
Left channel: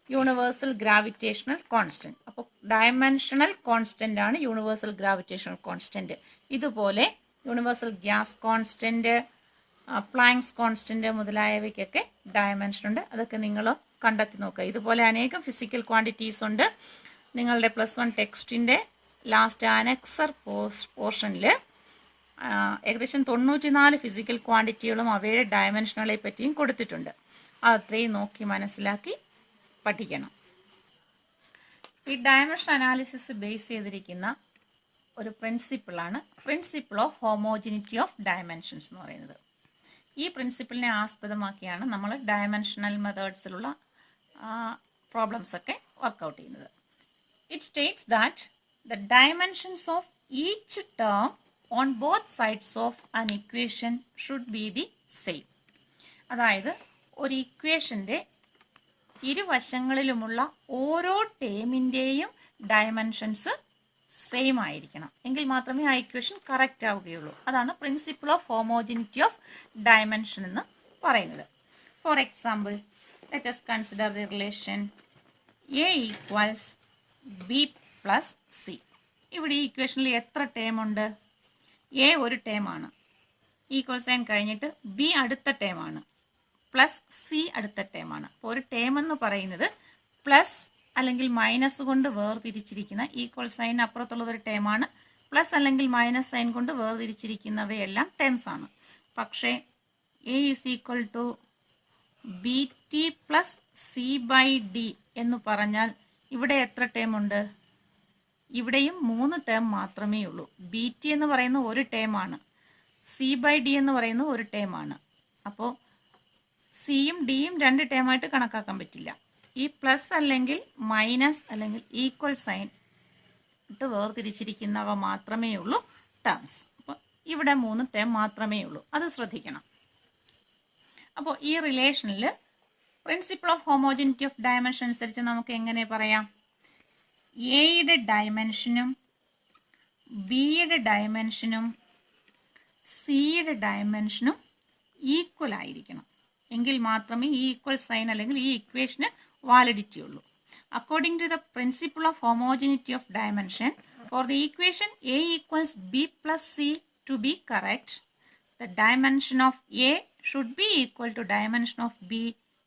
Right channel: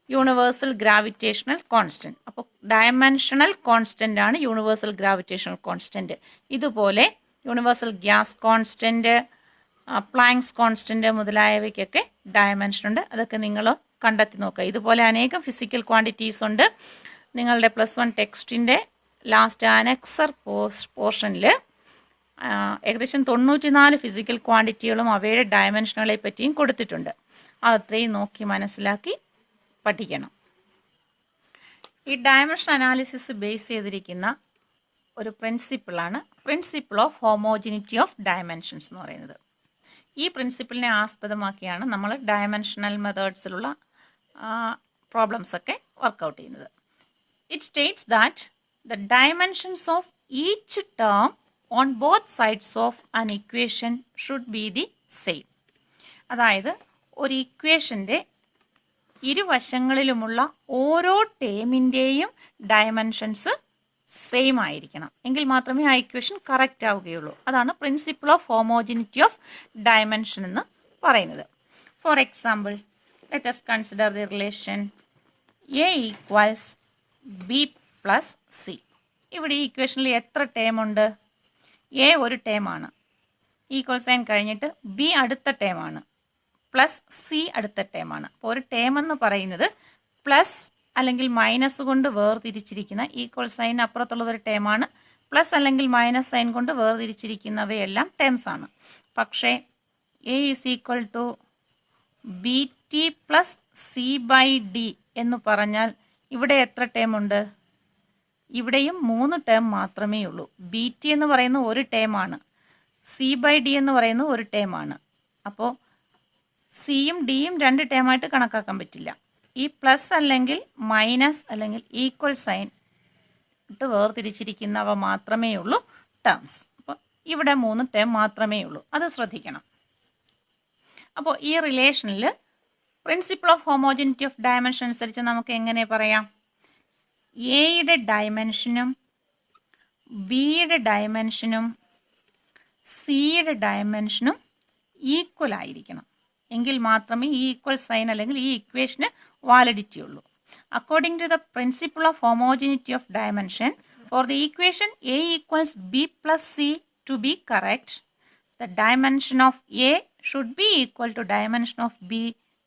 universal gravitational constant. അപ്പോൾ ഡയമെൻഷണൽ കോൺസ്റ്റൻ്റ് ആണ് യൂണിവേഴ്സൽ ഗ്രാവിറ്റേഷണൽ കോൺസ്റ്റൻറ്റ്. ഇതുപോലെ universal gas constant, Planck's constant മുതലായവയ്ക്കൊക്കെ ഡയമെൻഷൻ ഉണ്ട്. അതൊക്കെ നിങ്ങൾ കണ്ടെത്തി നോക്കുക. ഇതുപോലെ അനേകം ഫിസിക്കൽ ക്വാണ്ടിറ്റീസ് ഉണ്ട്. നിങ്ങളുടെ +1 ടെക്സ്റ്റിൻ്റെ ലാസ്റ്റ് അനക്സർ പോർഷനിൽ ഏകദേശം 94 ഫിസിക്കൽ ക്വാണ്ടിറ്റികളും അവയുടെ ഡയമെൻഷനുകളെ പറ്റിയും കൊടുത്തിട്ടുണ്ട്. അതത്രയും നോക്കി മനസ്സിലാക്കി പഠിക്കണം. ഈ ഡയമെൻഷൻ അനാലിസിസ് ബേസ് ചെയ്തിരിക്കുന്ന ഒരു പ്രിൻസിപ്പിളാണ് principle of homogeneity of dimensions എന്ന് പറയുന്നത്. ഈ പ്രിൻസിപ്പിളിനെ ആസ്പദമാക്കിയാണ് നമ്മൾ ഡയമെൻഷണൽ മെത്തേഡ്സിലുള്ള പ്രോബ്ലംസ് ഒക്കെ വർക്കൗട്ട് ചെയ്യുന്നത്. It states that the dimensions of each term on both sides of an equation should be the same. അതായത് ഒരു ഇക്വേഷൻ്റെ ഇരുവശങ്ങളിലുമുള്ള ഓരോ ടേമിൻ്റെയും ഡയമെൻഷൻസ് സെയിം ആയിരിക്കണം. എങ്കിൽ മാത്രമേ ആ ഇക്വേഷൻ കറക്റ്റ് ആവുകയുള്ളൂ. അതാണ് principle of homogeneity of dimension എന്ന് പറയുന്നത്. For example, let us consider the relation A equals B plus C. ഇവിടെ ഈ ഇക്വേഷനിൽ എത്ര ടേം ഉണ്ട്? A ഒരു ടേമാണ്, ഈക്വൽ സൈൻ കഴിഞ്ഞിട്ട് B അടുത്ത ടേമാണ്, പ്ലസ് C അടുത്ത ടേമാണ്. അപ്പോൾ ഒരു ടേം എന്ന് പറയുന്നത് പ്ലസ് അല്ലെങ്കിൽ മൈനസ് കൊണ്ട് വേർതിരിച്ചിരിക്കുന്ന, ഈക്വൽ സൈൻ അപ്പുറത്തുള്ളത് ഒരു ടേമാണ്, പ്ലസ് അല്ലെങ്കിൽ മൈനസ് സൈൻ കൊണ്ട് വേർതിരിച്ചിരിക്കുന്നവയെല്ലാം ടേംസ് ആണ്. പക്ഷേ A is equal to BT plus C/D എന്ന് പറഞ്ഞാൽ ഇവിടെ എത്ര ടേം ഉണ്ട്? ഇവിടെയും 3 ടേം മാത്രമേ ഉള്ളൂ. BT എന്ന് പറയുന്ന ഒരു ടേമാണ്, C/D എന്ന് പറയുന്ന ഒരു ടേമാണ്. അപ്പോൾ സിയും ഡിയും 2 ടേമായിട്ട് കണക്കാക്കാൻ പറ്റില്ല. ഈ പ്ലസ് അല്ലെങ്കിൽ മൈനസ് അല്ലെങ്കിൽ ഈക്വൽ സൈൻ ഇട്ട് വേർതിരിച്ചിരിക്കുന്നവ മാത്രമേ ഉള്ളൂ ടേംസ്. അപ്പോൾ ഇവിടെ 3 ടേം മാത്രമേ ഉള്ളൂ, അത് ശ്രദ്ധിക്കണം. അപ്പോൾ ഈ റിലേഷനിൽ principle of homogeneity of dimension അനുസരിച്ച് നമുക്ക് എങ്ങനെ പറയാം? എയുടെ ഡയമെൻഷനും ബിയുടെ ഡയമെൻഷനും സിയുടെ ഡയമെൻഷനും ഈക്വൽ ആയിരിക്കണം. എങ്കിൽ മാത്രമേ ഈ ഈക്വൽ സൈൻ അല്ലെങ്കിൽ ഈ ഇക്വേഷന് വാലിഡിറ്റി ഉള്ളൂ. According to the principle of homogeneity of dimension, for the equation A equals B plus C to be correct, the dimension of A should be equal to dimension of B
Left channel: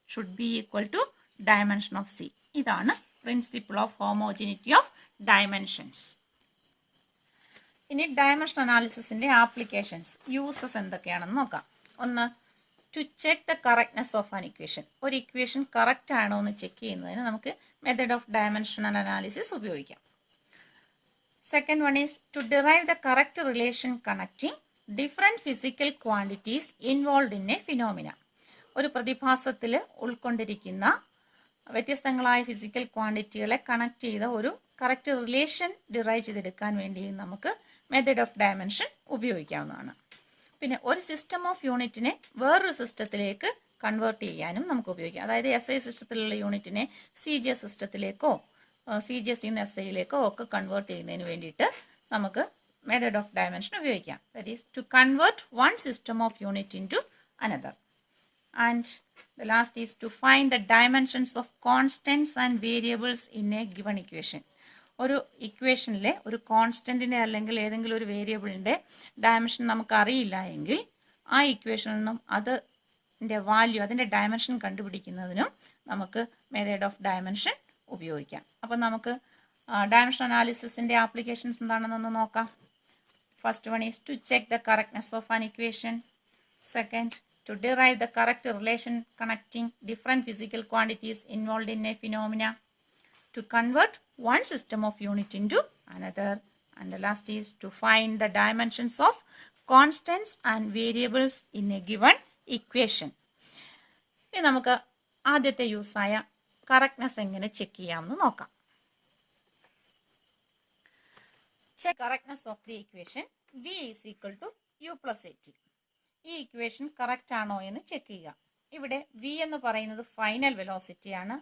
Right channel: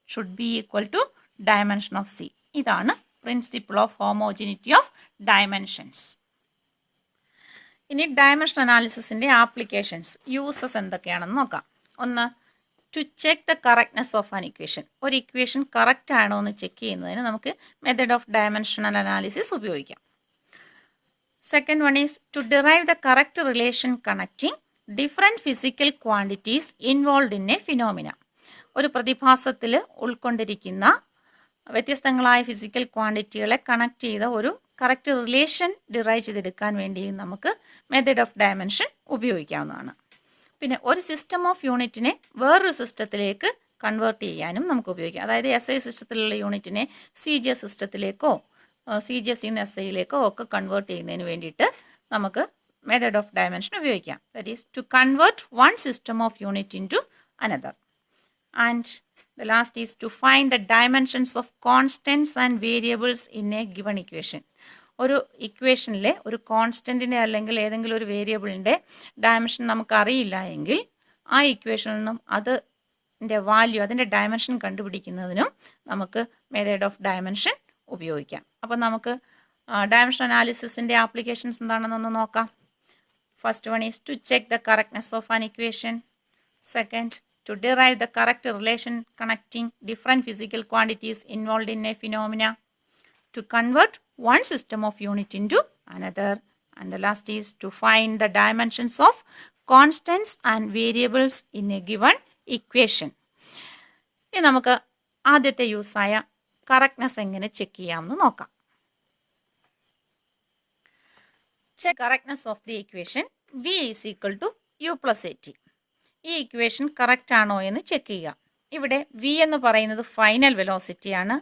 should be equal to dimension of C. ഇതാണ് principle of homogeneity of dimensions. ഇനി ഡയമെൻഷൻ അനാലിസിസിൻ്റെ applications, uses എന്തൊക്കെയാണെന്ന് നോക്കാം. ഒന്ന്, to check the correctness of an equation. ഒരു equation correct ആണോ എന്ന് ചെക്ക് ചെയ്യുന്നതിന് നമുക്ക് മെത്തേഡ് ഓഫ് ഡയമെൻഷണൽ അനാലിസിസ് ഉപയോഗിക്കാം. Second one is to derive the correct relation connecting different physical quantities involve in a phenomena. ഒരു പ്രതിഭാസത്തിൽ ഉൾക്കൊണ്ടിരിക്കുന്ന വ്യത്യസ്തങ്ങളായ ഫിസിക്കൽ ക്വാണ്ടിറ്റികളെ കണക്ട് ചെയ്ത ഒരു കറക്റ്റ് റിലേഷൻ ഡിറൈവ് ചെയ്തെടുക്കാൻ വേണ്ടി നമുക്ക് മെത്തേഡ് ഓഫ് ഡയമെൻഷൻ ഉപയോഗിക്കാവുന്നതാണ്. പിന്നെ ഒരു സിസ്റ്റം ഓഫ് യൂണിറ്റിനെ വേറൊരു സിസ്റ്റത്തിലേക്ക് കൺവേർട്ട് ചെയ്യാനും നമുക്ക് ഉപയോഗിക്കാം. അതായത് SI സിസ്റ്റത്തിലുള്ള യൂണിറ്റിനെ CJ സിസ്റ്റത്തിലേക്കോ CGS SIയിലേക്കോ ഒക്കെ കൺവേർട്ട് ചെയ്യുന്നതിന് വേണ്ടിയിട്ട് നമുക്ക് മെത്തേഡ് ഓഫ് ഡയമെൻഷൻ ഉപയോഗിക്കാം. That is to convert one system of unit into another. And the last is to find the dimensions of constants and variables in a given equation. ഒരു ഇക്വേഷനിലെ ഒരു കോൺസ്റ്റൻറ്റിൻ്റെ അല്ലെങ്കിൽ ഏതെങ്കിലും ഒരു വേരിയബിളിൻ്റെ dimension നമുക്ക് അറിയില്ല എങ്കിൽ ആ ഇക്വേഷനിൽ നിന്നും അതിൻ്റെ വാല്യൂ, അതിൻ്റെ ഡയമെൻഷൻ കണ്ടുപിടിക്കുന്നതിനും നമുക്ക് മെത്തേഡ് ഓഫ് ഡയമെൻഷൻ ഉപയോഗിക്കാം. അപ്പം നമുക്ക് ഡയമെൻഷൻ അനാലിസിസിൻ്റെ ആപ്ലിക്കേഷൻസ് എന്താണെന്നൊന്ന് നോക്കാം. First one is to check the correctness of an equation. Second, to derive the correct relation connecting different physical quantities involved in a phenomena, to convert one system of unit into another, and the last is to find the dimensions of constants and variables in a given equation. ഇനി നമുക്ക് ആദ്യത്തെ യൂസായ correctness എങ്ങനെ check ചെയ്യാമെന്ന് നോക്കാം. Check correctness of the equation v is equal to u plus at. ഈ equation correct ആണോ എന്ന് check ചെയ്യുക. ഇവിടെ v എന്ന് പറയുന്നത് ഫൈനൽ വെലോസിറ്റിയാണ്,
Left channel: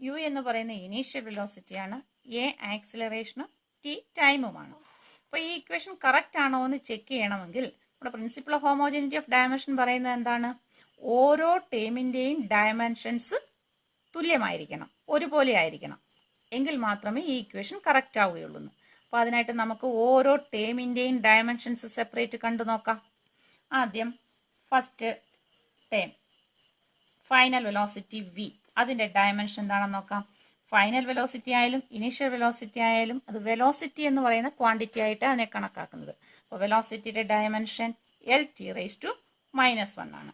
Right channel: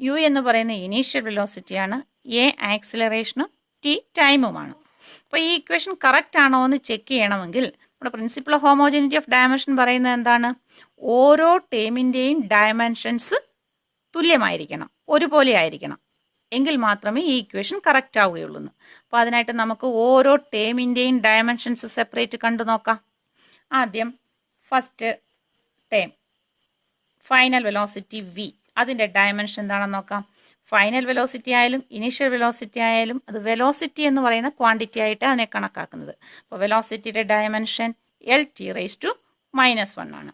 u എന്ന് പറയുന്ന ഇനീഷ്യൽ വെലോസിറ്റിയാണ്, a ആക്സിലറേഷനും t ടൈമുമാണ്. അപ്പോൾ ഈ ഇക്വേഷൻ കറക്റ്റ് ആണോ എന്ന് ചെക്ക് ചെയ്യണമെങ്കിൽ നമ്മുടെ principle of homogeneity of dimension പറയുന്നത് എന്താണ്? ഓരോ ടേമിൻ്റെയും ഡയമെൻഷൻസ് തുല്യമായിരിക്കണം, ഒരുപോലെ ആയിരിക്കണം, എങ്കിൽ മാത്രമേ ഈ ഇക്വേഷൻ കറക്റ്റ് ആവുകയുള്ളൂ. അപ്പോൾ അതിനായിട്ട് നമുക്ക് ഓരോ ടേമിൻ്റെയും ഡയമെൻഷൻസ് സെപ്പറേറ്റ് കണ്ടു നോക്കാം. ആദ്യം first term final velocity v, അതിൻ്റെ ഡയമെൻഷൻ എന്താണെന്ന് നോക്കാം. ഫൈനൽ വെലോസിറ്റി ആയാലും ഇനീഷ്യൽ വെലോസിറ്റി ആയാലും അത് വെലോസിറ്റി എന്ന് പറയുന്ന ക്വാണ്ടിറ്റി ആയിട്ട് അതിനെ കണക്കാക്കുന്നത്. അപ്പോൾ വെലോസിറ്റിയുടെ ഡയമെൻഷൻ L(t⁻⁻1) ആണ്.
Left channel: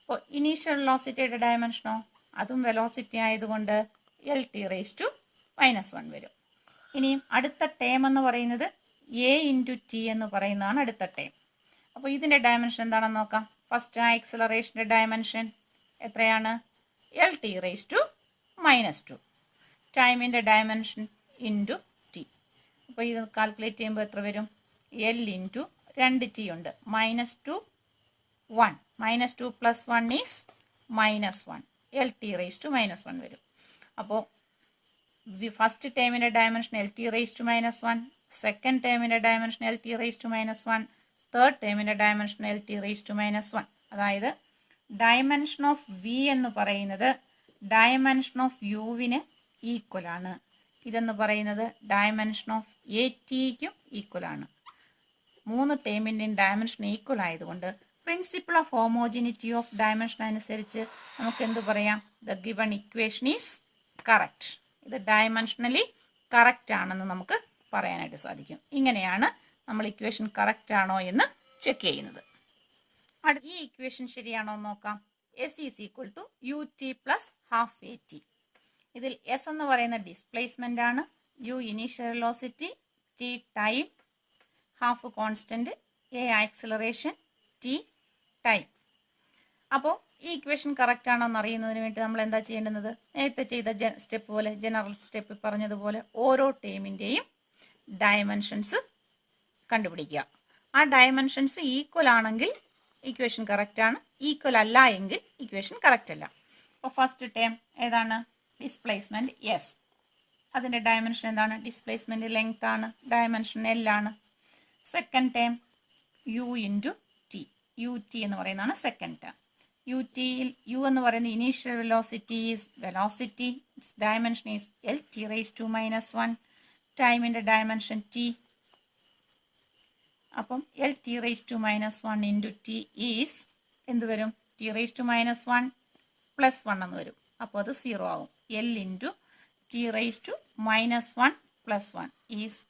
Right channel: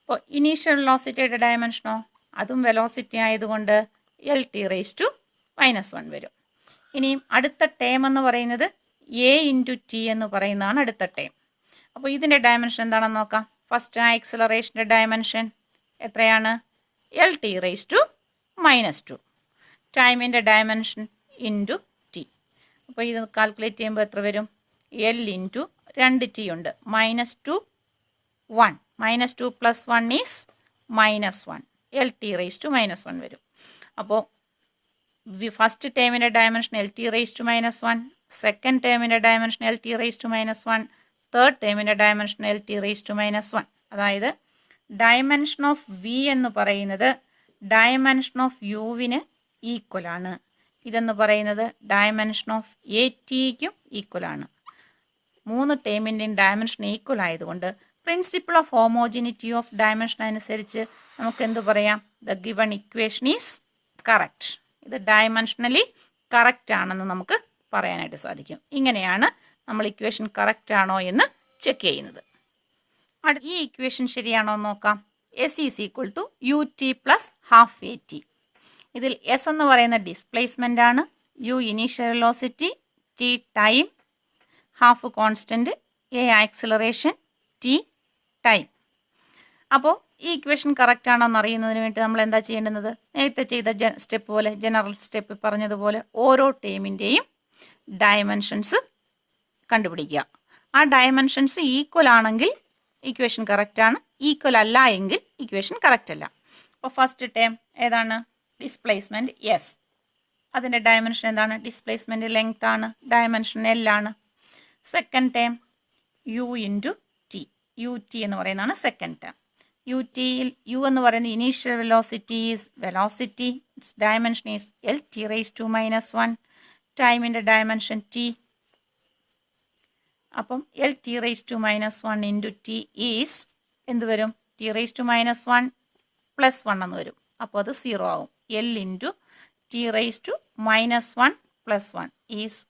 അപ്പോൾ ഇനീഷ്യൽ വെലോസിറ്റിയുടെ ഡയമെൻഷനോ അതും വെലോസിറ്റി ആയതുകൊണ്ട് L(t⁻⁻1) വരും. ഇനിയും അടുത്ത ടേം എന്ന് പറയുന്നത് a(t) എന്ന് പറയുന്നതാണ് അടുത്ത ടേം. അപ്പോൾ ഇതിൻ്റെ ഡയമെൻഷൻ എന്താണെന്ന് നോക്കാം. ഫസ്റ്റ് ആക്സിലറേഷൻ്റെ ഡയമെൻഷൻ എത്രയാണ്? L(t⁻²). ടൈമിൻ്റെ ഡയമെൻഷൻ ഇൻറ്റു ടി. അപ്പോൾ ഇത് കാൽക്കുലേറ്റ് ചെയ്യുമ്പോൾ എത്ര വരും? L ഇൻറ്റു 2t ഉണ്ട്, -2 1, -2 + 1 ഈസ് -1, L(t⁻⁻1) വരും. അപ്പോൾ ഫസ്റ്റ് ടേമിൻ്റെ ഡയമെൻഷൻ L(t⁻⁻1), സെക്കൻഡ് ടേമിൻ്റെ ഡയമെൻഷൻ L(t⁻⁻1), തേർഡ് ടേമിൻ്റെ ഡയമെൻഷൻ L(t⁻⁻1). അതായത് ഡയമെൻഷൻ ഓഫ് v എന്ന് പറയുന്നത് ഡയമെൻഷൻ ഓഫ് യുവിന് ഈക്വൽ ആണ്. ഇതെന്ന് പറയുന്നത് ഡയമെൻഷൻ ഓഫ് ATക്കും ഈക്വൽ ആണ്. മൂന്ന് ടേമിൻ്റെയും ഡയമെൻഷൻ ഈക്വൽ ആയതുകൊണ്ട് principle of homogeneity of dimension അനുസരിച്ച് നമുക്ക് എന്ത് പറയാം? The given equation is correct. ഇത് ഡയമെൻഷനലി കറക്റ്റ് ആണെന്ന് നമുക്ക് പറയാനായിട്ട് സാധിക്കും. ഇങ്ങനെയാണ് നമ്മൾ ഇക്വേഷൻ കറക്റ്റ് ആണോ എന്ന് ചെക്ക് ചെയ്യുന്നത്. ഈ ഇക്വേഷൻ ശരിയാണോ എന്ന് നോക്കാം. S is equal to ut plus half at. ഇതിൽ S എന്ന് പറയുന്ന ഡിസ്പ്ലേസ്മെൻ്റ് ആണ്, u initial velocity, t time, half constant, a acceleration, t time. അപ്പോൾ ഈ ഇക്വേഷൻ കറക്റ്റ് ആണോ എന്ന് അറിയുന്നതിന് വേണ്ടി നമ്മൾ എന്താ ചെയ്യേണ്ടത്? നേരത്തെ ചെയ്ത സ്റ്റെപ്പ് പോലെ, ജനറൽ സ്റ്റെപ്പ് പറഞ്ഞതുപോലെ ഓരോ ടേമിൻ്റെയും ഡയമെൻഷൻസ് കണ്ടുപിടിക്കുക. ആ ഡയമെൻഷൻസ് ഈക്വൽ ആണെങ്കിൽ ഇക്വേഷൻ കറക്റ്റ് ആണ്, ഈക്വൽ അല്ല എങ്കിൽ ഇക്വേഷൻ കറക്റ്റ് അല്ല. അപ്പോൾ ഫസ്റ്റ് ടേം ഏതാണ്? Displacement S. അതിൻ്റെ ഡയമെൻഷൻ എന്താണ്? ഡിസ്പ്ലേസ്മെൻറ്റ് ലെങ്ത് ആണ്, ഡയമെൻഷൻ L ആണ്. Second term u into t, ut എന്ന് പറയുന്നതാണ് സെക്കൻഡ് ടേം. ut u എന്ന് പറയുന്ന initial velocity is velocity, it's dimension is L(t⁻⁻1), ടൈമിൻ്റെ ഡയമെൻഷൻ t. അപ്പം L(t⁻⁻1) ഇൻറ്റു t ഈസ് എന്ത് വരും? t⁻⁻1 + 1 എന്ന് വരും. അപ്പോൾ അത് 0 ആവും. L into t⁻⁻1 + 1 is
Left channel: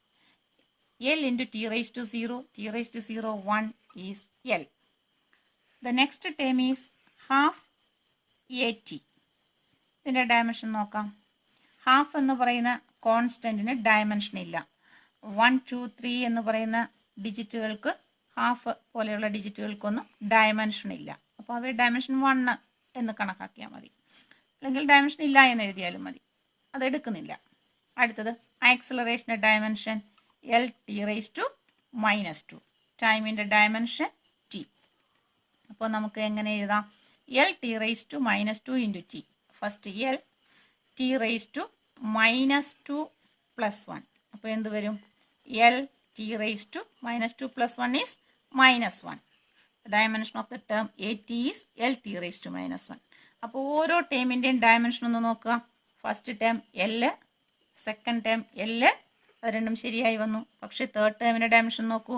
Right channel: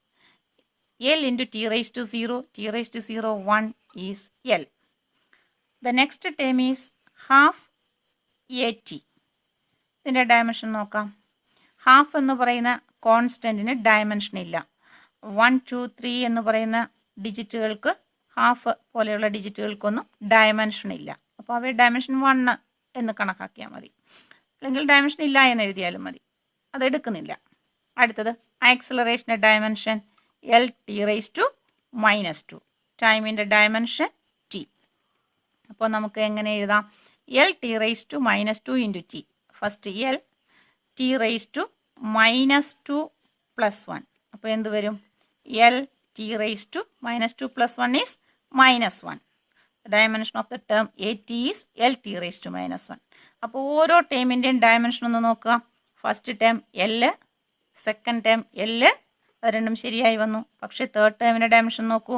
L into t⁻0, t⁻0 1 is L. The next term is half at. ഇതിൻ്റെ ഡയമെൻഷൻ നോക്കാം. ഹാഫ് എന്ന് പറയുന്ന കോൺസ്റ്റൻറ്റിന് ഡയമെൻഷൻ ഇല്ല. 1 2 3 എന്ന് പറയുന്ന ഡിജിറ്റുകൾക്ക്, ഹാഫ് പോലെയുള്ള ഡിജിറ്റുകൾക്കൊന്നും ഡയമെൻഷൻ ഇല്ല. അപ്പോൾ അവയെ ഡയമെൻഷൻ 1 എന്ന് കണക്കാക്കിയാൽ മതി, അല്ലെങ്കിൽ ഡയമെൻഷൻ ഇല്ല എന്ന് എഴുതിയാലും മതി. അതെടുക്കുന്നില്ല. അടുത്തത് ആക്സിലറേഷൻ്റെ ഡയമെൻഷൻ L(t⁻⁻2), ടൈമിൻ്റെ ഡയമെൻഷൻ t. അപ്പോൾ നമുക്ക് എങ്ങനെ എഴുതാം? L(t⁻⁻2) into t. First L, t⁻ -2 + 1. അപ്പോൾ എന്ത് വരും? LT⁻² + 1 is -1. The dimension of the term AT is LT⁻⁻1. അപ്പോൾ ഓരോ ടേമിൻ്റെയും ഡയമെൻഷൻ ഒന്ന് നോക്കുക. First term L, second term L, അത് രണ്ടും ശരിയായി വന്നു. പക്ഷേ തേർഡ് ടേമിൻ്റെ ഡയമെൻഷൻ നോക്കൂ,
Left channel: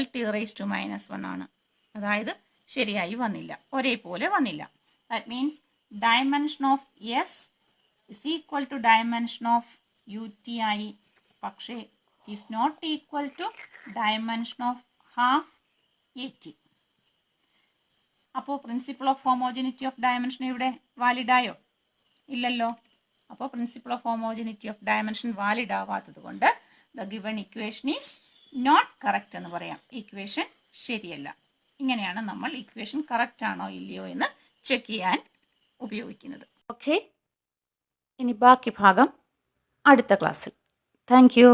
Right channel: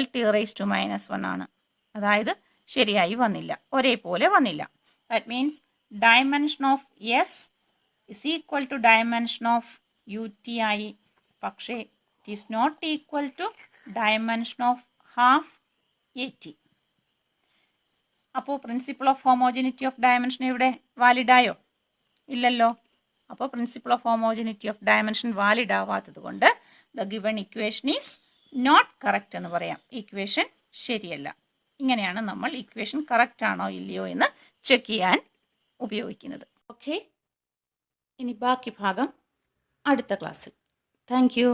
LT⁻⁻1 ആണ്. അതായത് ശരിയായി വന്നില്ല, ഒരേപോലെ വന്നില്ല. That means dimension of S is equal to dimension of UTI. പക്ഷേ it is not equal to dimension of half AT. അപ്പോൾ principle of homogeneity of dimension ഇവിടെ വാലിഡായോ? ഇല്ലല്ലോ. അപ്പോൾ പ്രിൻസിപ്പിൾ ഓഫ് ഹോമോജിനിറ്റി ഓഫ് ഡയമെൻഷൻ വാലിഡ് ആവാത്തത് കൊണ്ട് the given equation is not correct എന്ന് പറയാം. ഇക്വേഷൻ ശരിയല്ല. ഇങ്ങനെയാണ് നമ്മൾ ഇക്വേഷൻ കറക്റ്റ് ആണോ ഇല്ലയോ എന്ന് ചെക്ക് ചെയ്യാൻ ഉപയോഗിക്കുന്നത്. ഓക്കെ, ഇനി ബാക്കി ഭാഗം അടുത്ത ക്ലാസ്സിൽ. Thank you.